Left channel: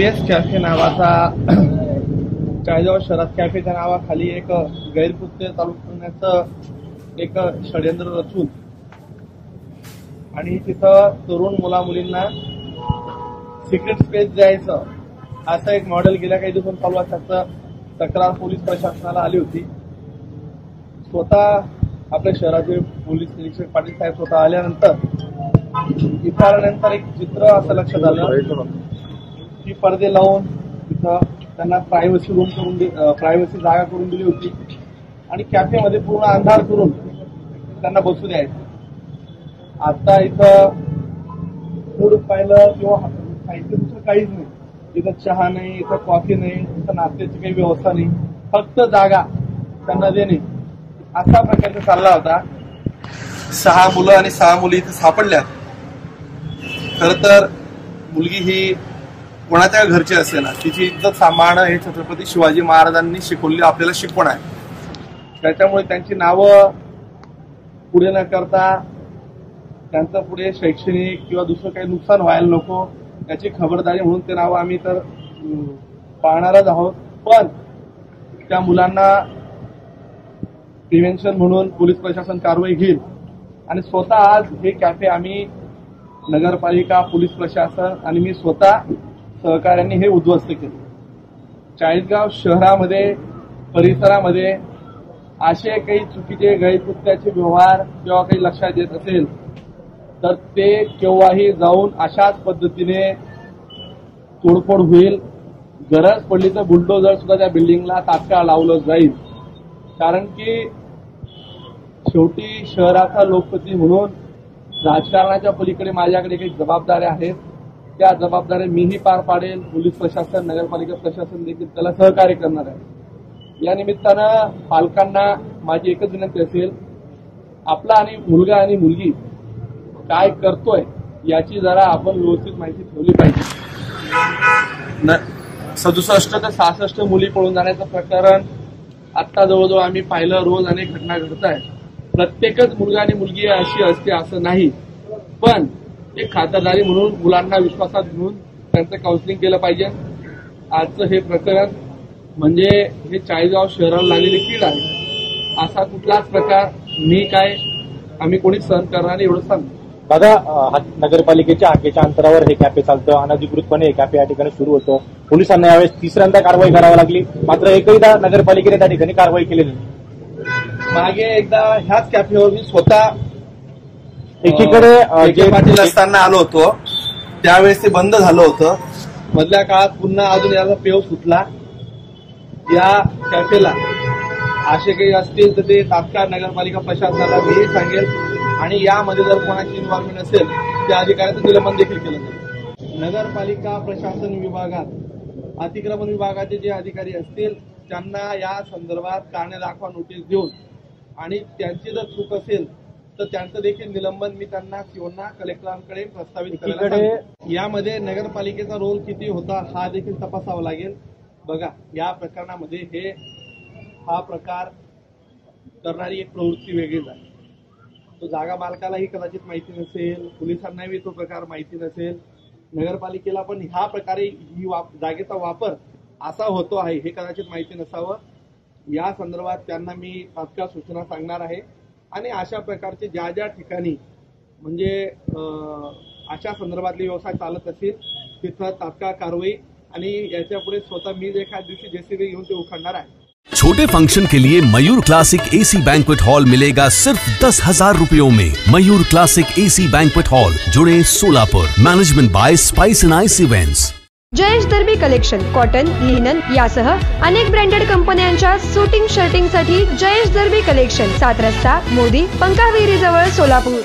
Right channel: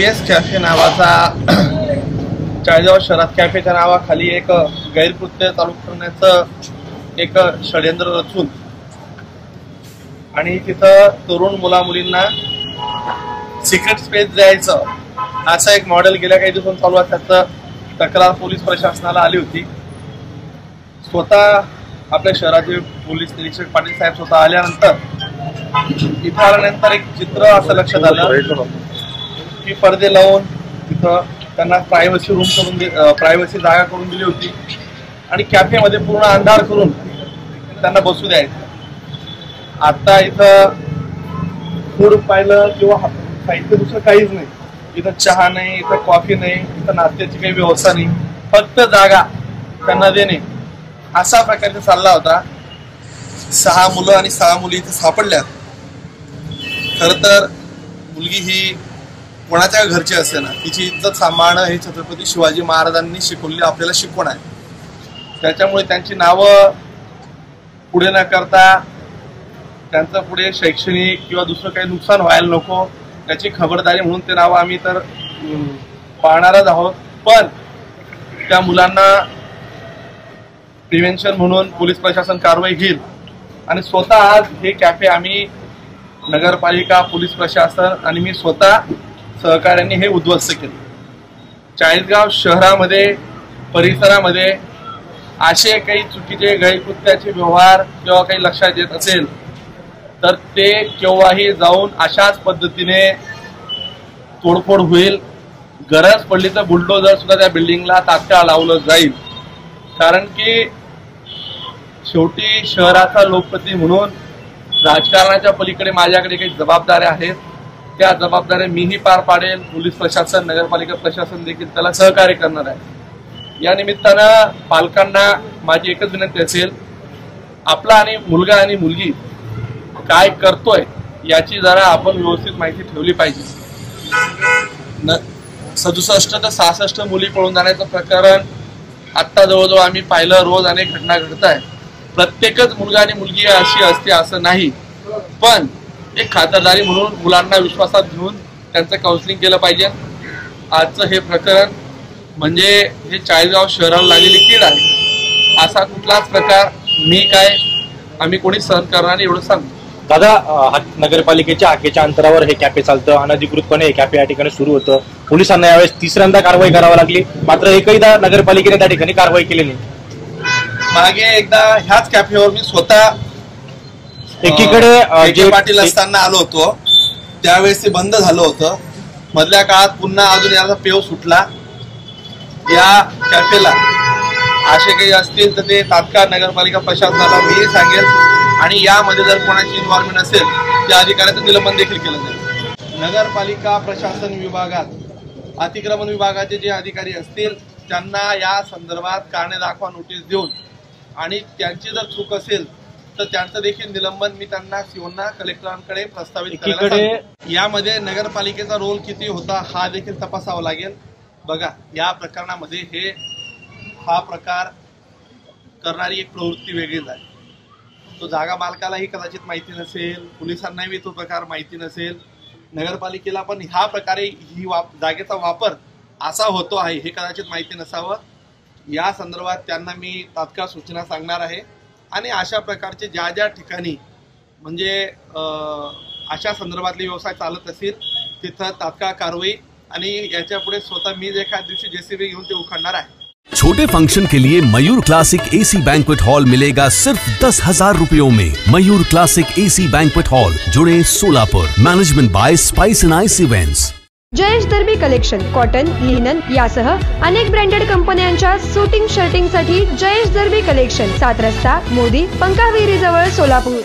US cafe नावाचा चाळीसगाव शहरात कॅफेच्या नावाखाली एक गैरकृत्य चालू करण्याचं एक षडयंत्र रचून आणि तिथं तरुण मुला मुलींना सिक्रेट स्पेस द्यायचं असं एक मॉडेल गेल्या काही दिवसांनी चालू आहे। त्याचं तक्रार पोलीस प्रशासनाला आली होती। स्वतः आपल्या शहराचे पोलीस निरीक्षक पाटील साहेब स्वतः आल्यानंतर इथं आल्यानंतर एक चित्र असं लक्षात आलं की पडदे लावून तिथं त्यांना प्रायव्हसी रूम करून प्रायव्हसी जागा करून दिली होती आणि कॅफेमध्ये पूर्ण अंधार करून त्यांना बसू द्यायचं। आता इथं फूड पाहिलं किंवा साहित्य दुसरं काहीच नाही। इथं चहा नाही, इथं कॉफी नाही, इथं नाश्त्याची काही व्यवस्था नाही, फक्त जागा त्यांना देणे असा प्रकारचा चालला होता। 6 मुलं आणि 6 मुली इथे सापडल्यात। खर तर मुलगी ही कोणाच्या घरची असे ना, तिची इज्जत सांभाळणं हे छत्रपती शिवाजी महाराजांनी शिकवलेली आपल्याला शिकवण आहे। त्याच्यामुळे त्यांची नावं पुढे न करता त्यांचं पुढे शैक्षणिक किंवा दुसरं काही नुकसान व्हायला नको याची खबरदारी म्हणून ते नाव आम्ही तर पाहणारच आहोत। पण त्या मुलांना प्रिव्हेन्शन म्हणून पोलीस प्रशासन कारवाई घेईल आणि स्वतः आज हे कॅफे आम्ही नगरपालिका, पोलीस प्रशासन आणि मी स्वतः सहकार्याने हे उद्ध्वस्त केले। चाळीसगाव शहरामध्ये परिसरामध्ये असे काही चुकीचे गैरकृत्याचे व्यवहार किंवा काही लक्षात येत असेल तर ते केव्हाही जाऊन अशाच पद्धतीने तोडफोड होईल। गरज पडली तर बुलडोजर सुद्धा त्या बिल्डिंगला तात्काळ लावलं जाईल। कारण की शेवटी शहराचा लोकप्रतिनिधी म्हणून राजकारणाच्या पलीकडे माझ्याकडे काही जबाबदाऱ्या आहेत। त्या जबाबदाऱ्या मीही पार पाडेल, पोलीस प्रशासन, नगरपालिका प्रशासन देखील त्याला सहकार्य करणार आहे। या निमित्तानं पालकांना माझी एकच विनंती असेल, आपला आणि मुलगा आणि मुलगी काय करतोय याची जरा आपण व्यवस्थित माहिती ठेवली पाहिजे। 67 ते 66 मुली पळून जाण्याचं प्रकरण आत्ता जवळजवळ आम्ही पाहिलं। रोज अनेक घटना घडत आहेत। प्रत्येकच मुलगा आणि मुलगी अशी असते असं नाही, पण एक खातरदारी म्हणून मुलांना विश्वासात घेऊन त्यांचं काउन्सिलिंग केलं पाहिजे। आजचं हे प्रकरण म्हणजे हे चाळीसगाव शहराला लागलेली कीड आहे। असा कुठलाच प्रकार मी काय आम्ही कोणी सहन करणार नाही एवढं सांगतो। दादा, नगरपालिकेच्या आखेच्या अंतरावर हे कॅफे चालतं, अनधिकृतपणे हे कॅफे या ठिकाणी सुरू होतं। पोलिसांना यावेळेस तिसऱ्यांदा कारवाई करावी लागली, मात्र एकहीदा नगरपालिकेने त्या ठिकाणी कारवाई केली नाही। मागे एकदा ह्याच कॅफेवर मी स्वतः एकीकडे पाटील असताना आलो होतो, त्यावेळेस ते बंद झालं होतं। मधल्या काळात पुन्हा अजून याचा पेव सुटला। या कॅफेला असे काही असतील तर ते तात्काळ नगरपालिका प्रशासनाला मी सांगेल आणि यामध्ये जर कोणाची इन्व्हॉल्वमेंट असेल त्या अधिकाऱ्याचं निलंबन देखील केलं जाईल। नगरपालिका प्रशासन विभागात अतिक्रमण विभागाचे जे अधिकारी असतील त्यांना या संदर्भात कारणे दाखवा नोटीस देऊन आणि त्यांची जर चूक असेल तर त्यांचं देखील निलंबन मी त्यांना सीओना कलेक्टरांकडे प्रस्तावित करायला सांगतो। यामध्ये नगरपालिकेचा रोल किती होता हा देखील तपासावा लागेल। बघा, या प्रकरणामध्ये हा प्रकार करणारी एक प्रवृत्ती वेगळीच आहे। तो जागा मालकालाही कदाचित माहिती नसेल, पोलिसांनाही तो प्रकार माहिती नसेल, नगरपालिकेला पण ह्या प्रकारे ही जागेचा वापर असा होतो आहे हे कदाचित माहिती नसावं। या संदर्भात त्यांना मी तात्काळ सूचना सांगणार आहे आणि अशा प्रकारचे ज्या ठिकाणी म्हणजे अशा संदर्भातले व्यवसाय चालत असतील तिथं तात्काळ कारवाई आणि याच्या पुढे स्वतः मी एखाद्या दिवशी जेसीबी घेऊन ते उखडणार आहे। छोटे फंक्शन के लिए Mayur classic AC banquet hall मिलेगा सिर्फ 10,000 रुपयों में। Mayur classic AC banquet hall, जुड़े Solapur. Management by spice and ice events. Jayesh Darbi collection cotton, linen यासह अनेक ब्रँडेड कंपन्यांच्या सुटिंग शर्टिंग साठी जयेश दर्बी कलेक्शन, 7 रस्ता मोदी पंकाविरी जवळ सोलापूर।